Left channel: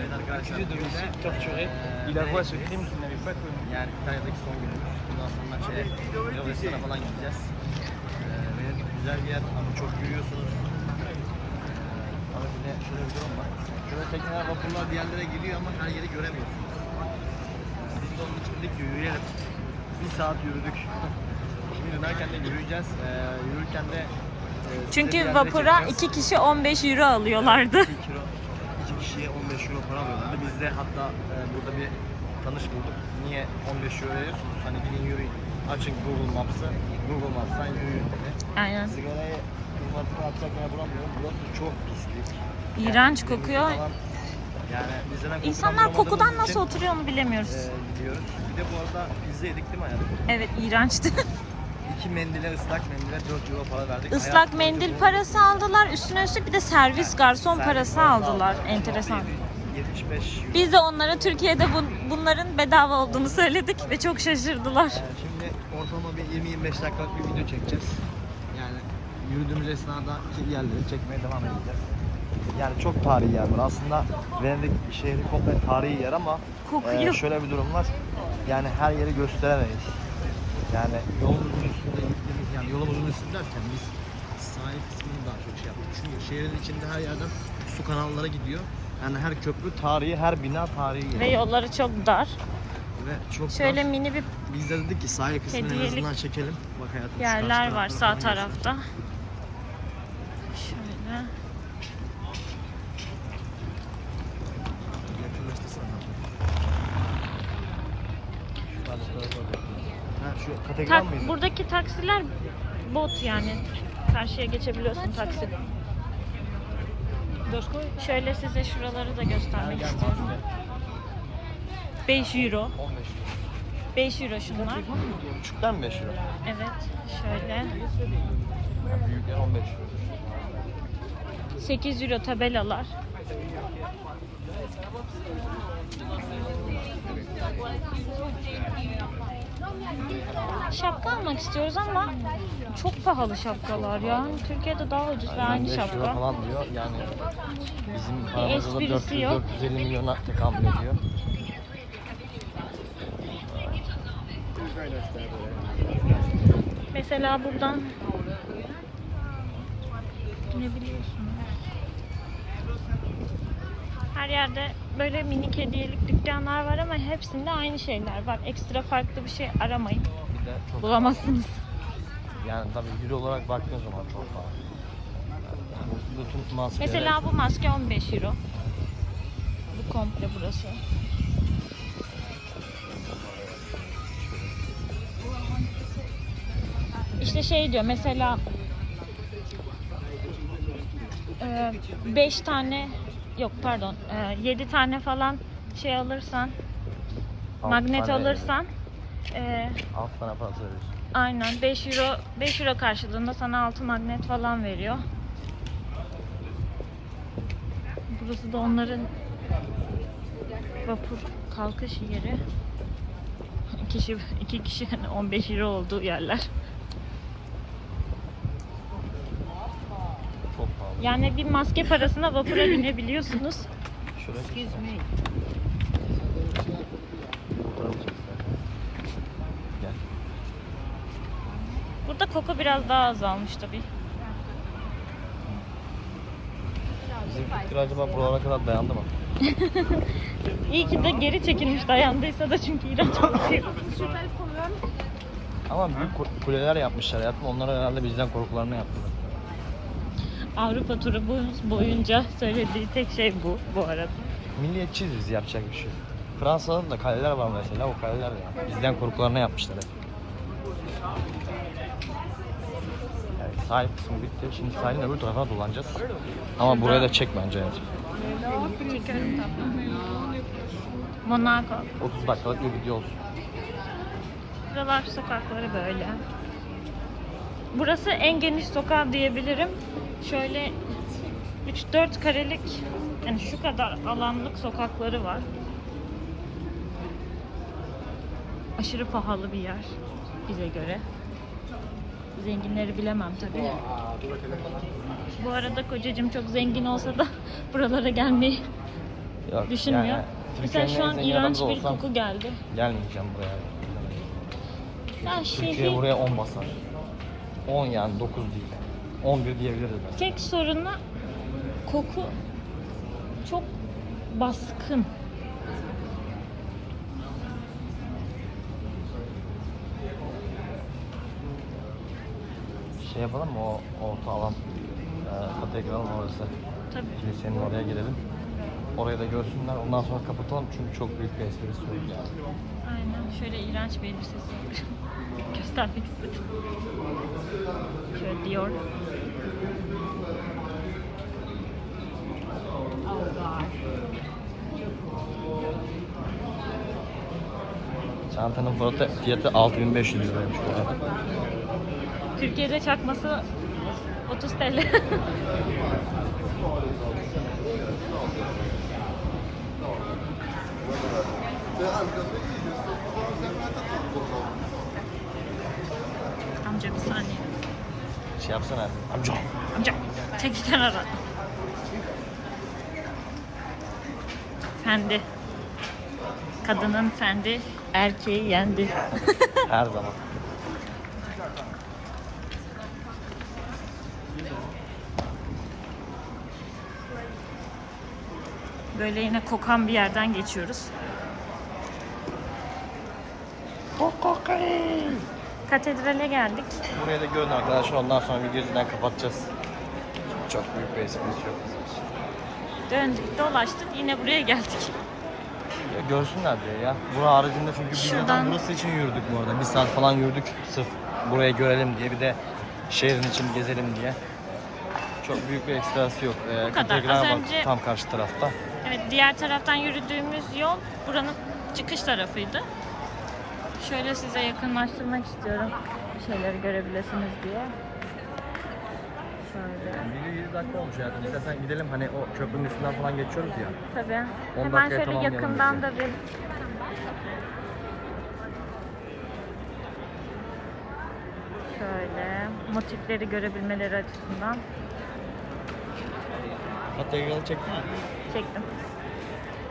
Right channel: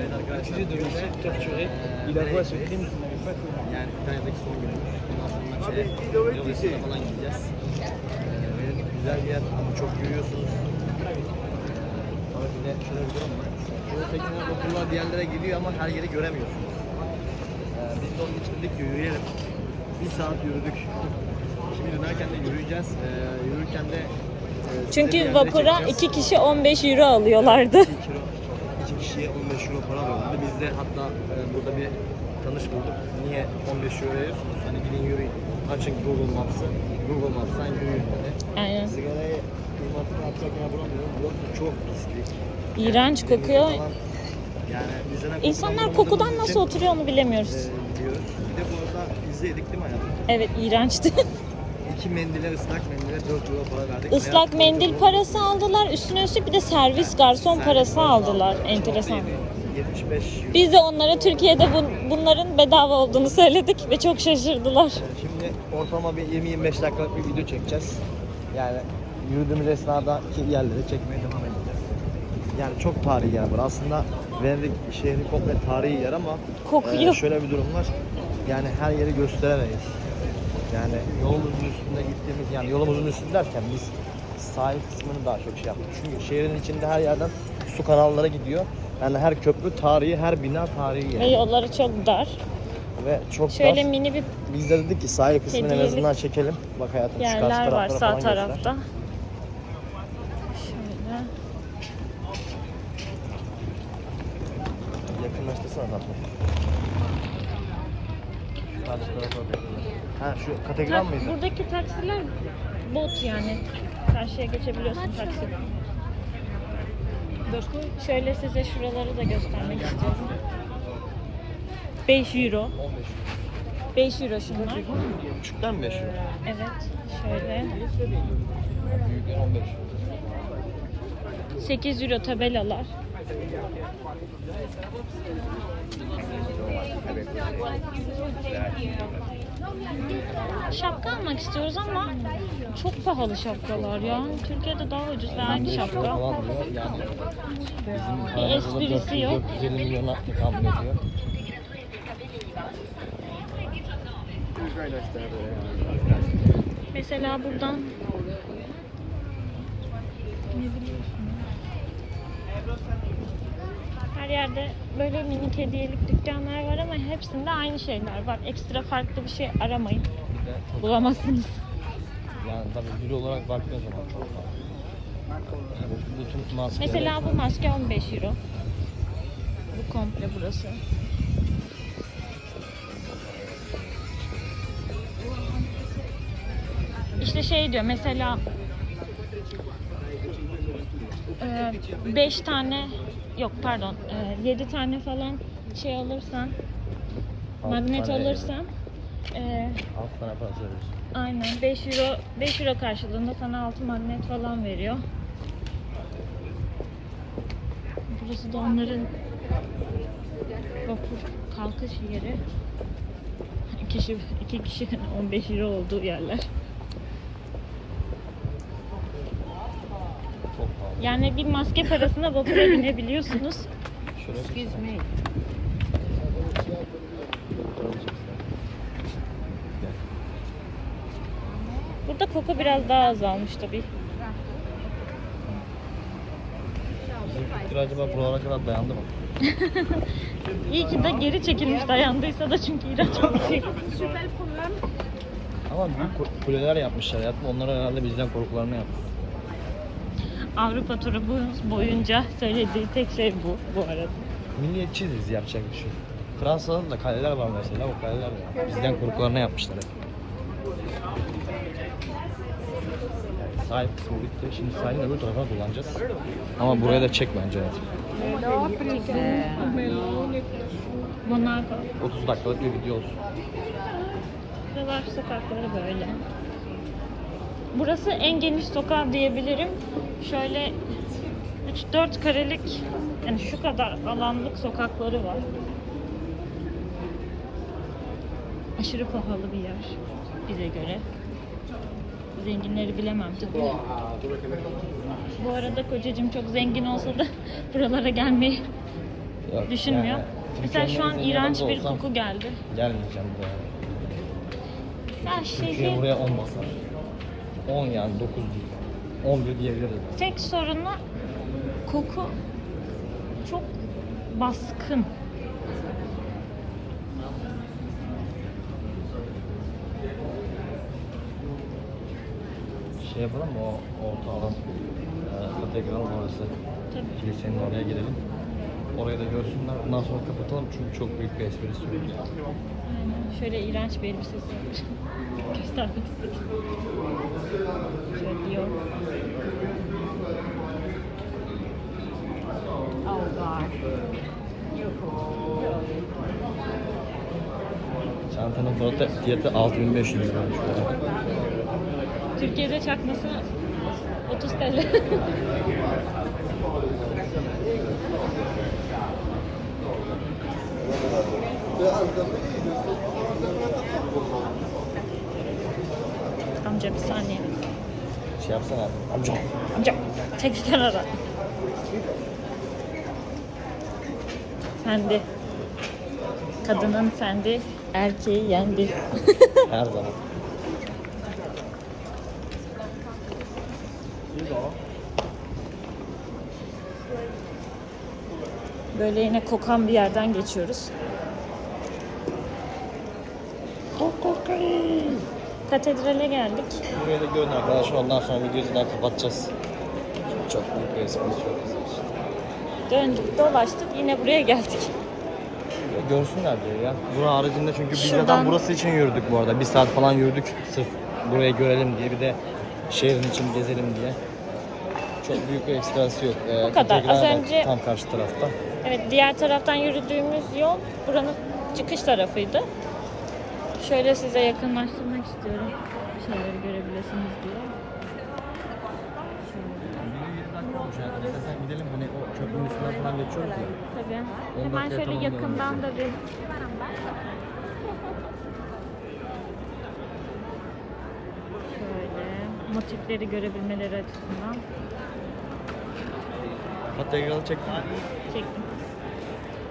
Evet arkadaşlar. accusé de torturé. eee, Il avoue à ce crime qu'il n'avait pas commis. Yani İtalya'daki son günümüz. Bundan sonra şeye, Yunanistan'a falan gideceğiz. Venedik güzel bir yer ama çok yürüyorsunuz. Ama bir de şöyle bir durum var. Şöyle tekneler, vapurlar bir yerlere gidiyor ama her yeri göremiyorsunuz. Ee, biz de onun için dedik ki yürüyelim. Bir saat yürüdük. Şimdi dönerken de yürüyeceğiz. Ee, yürürken de Çünkü vapura iki kişi 15 euro alıyorlardı. 2 kilo, iki kişiye 15 euro para alıyorlardı. Biz de hatta e, burada bir tanış bulduk. Niye 15 euro veriyorsunuz? Hani gidin yürüyün. Açın Google Maps'ı. Google Maps'tan yürüyün dedi. Aynen. Sigarayı kıymatını atacak yine bulamıyorum. Burası çok pislik. İğrenç Yani kokuyor. falan- Yani bizden kokudan İnsanlar bulamadığımız kokudan için, nasıl oturuyor onu bilemiyoruz. e, gidiyoruz. Bir de bu arada pizza yedik değil mi hayatım? Evet iğrençti. İki mendile ıslak mendile 4 euro para verdik. Islak boyunca mendil bu- parası aldılar. Üstüne üstlük bir de servis garson servis parası aldılar. Enteresan. 75 euro. Biz de onlara Türkiye'de bun- bunların bedava olduğunu söyledik ve çok şaşırdılar. Ee, Şimdi ortalama bir 20-25 dakikalık bir video çekeceğiz. Yani yürüdüğümüz esnadaki yerleri çekmeye devam edeceğiz. Yani çok tarihi yer var. Aslında Venedik şehri komple tarihi yer ama Kokuyor. e, şöyle bir durum var. Yani her yeri gösteremeyiz. Yani yolumuzun üstünde gittiğimiz yani yolumuzun üstünde derken biz sahil kısmını daha çok şey yaptık. Çünkü şehrin içinde her yerden su kanallara gidiyor. Yani her köprü tarihi, her bina tarihi yer. Ve yolları çok dar. Ve çok Şöyle dar. mini bir Biz de dedik ki sahil kısmını en Hediyelik azından çekelim. Bak hayatım şu karşı yerler var taraflara sağ falan göster. tarafta. Şöyle. Yakınlaştırsana tatlım. Şu karşı tarafa da yakınlaş. Ha şu kategori Tak- mıydı? buradaki taksiler bot yani. Karşıya geçebiliyorsun taksi. Şöyle size şuraları da göstermek istiyorum. 5 euro. 15 euro. 5 euro şunlar. Küçükten mi 5 euro? Evet. Şöyle. Büyükler 15 euro. 8 euro tabelalar. Şapka almak istiyoruz ama çok pahalı şapkalar ya. Türkiye'de daha ucuz ve aynı 15 euro şapka. Yani bizim Bir paramızda esprisi 400 yok. 450 milyona tekabül ediyor. Mesela buradan ne biliyorsunuz? Her yerde böyle minik hediyelik dükkanlar var hepsinde aynı şeyler var. Ekstra farklı bir şey aramayın. Çok Bulamazsınız. yani tabii euro olarak baktığın zaman çok. Bütün maskeler. Mesela bu maske 15 euro. Bu komple burası. İşte şey diyor mesela 5 tane yok pardon 7 tane falan şey alırsan magnet alırsan e, Alt parası veriyorsun. aynen 5 euro 5 euro karşılığında sana 6 magnet falan veriyor. Burası da onların vapur kalkış yeri. İki kişi, iki kişi 15 euro olduğu yerler. Yani bir maske parasına vapura binebiliyorsunuz. Excuse me. Burada koku biraz daha azalmış tabii. Bizim fikir acaba buralara kadar dayandı mı? İyi ki de geri çekilmiş dayandıysa da çünkü iğrenç kokuyor. Ama büyük ku- kuleler yapmışlar hayatım. Onlar herhalde bizden korkularını yaptılar. Avrupa turu boyunca söylediği tek şey bu bu arada. Milliyetçiyiz yapacak bir şey. yok. Fransa'nın da kaleler var mesela. O kaleler bizden korkularını yapmışlar hep. Yani sahil kısmı bitti. Şimdi sahilin öbür tarafına dolanacağız. Ama buraya da çek bence hayatım. Monaco. 30 dakikalık bir video olsun. Buralar sokakları böyle. Burası en geniş sokak diyebilirim. Şöyle 3-4 karelik yani şu kadar alanlık sokakları var. Aşırı pahalı bir yer bize göre. Zenginleri bilemem tabii. Bu arada kocacığım çok zengin olsa da buralara gelmeyi Yok, düşünmüyor. yani Mesela şu Türkiye'nin an en zengin iğrenç adamı bir olsam koku geldi. Gelmeyeceğim buraya. Ha, Türkiye şey buraya 10 basar. 10 yani 9 değil. 11 diyebilirim. Tek sorunu koku çok baskın. Şey yapalım mı o orta alan? E, Katedralın orası. Tabii. Kilisenin oraya girelim. Orayı da görsünler. Ondan sonra kapatalım çünkü çok büyük bir espri istiyorum. Aynen. Şöyle iğrenç bir elbisesi göstermek istedim. Şöyle diyor. Oh God. Çantanın fiyatı, fiyatı 6500 lira. Türkiye'de çakması 30 TL. Amca bir saniye. Şey yapsana. Amca. Amca tek kenara. Fendi. Kadının fendi, erkeği yendi. Her zaman. Böyle yine kokan bir yerden geçiyoruz. Katedrale geldik. Burayı da görün arkadaşlar. Ondan sonra yüzünden kapatacağız. Çok, çok büyük bir espri istiyorum. Döndük, dolaştık, yine buraya geldik. Ya Görsünler diyor ya. Bura haricinde çünkü biz Şuradan- zaten burası için yürüdük bu arada. Bir saat falan yürüdük sırf burayı görelim diye bir de şehrin için gezelim diye. Çok büyük bir ekstrası yok. Ee, Bu kadar. Az önce- Tam karşı tarafta. Evet, diğer taraftan yürüdüğümüz yol buranın çıkış tarafıydı. Şöyle size yakınlaştırmak istiyorum. Şeyleri görebilirsiniz diye. Şöyle. Video 7 dakika olmuş yani. İstersen gidelim hani o köprünün üstünden falan geçiyoruz ya. Tabii. On Hemen dakikaya şöyle tamamlayalım yakından da bir şöyle motifleri görebilmeleri açısından Katedrali çektin mi? çektim.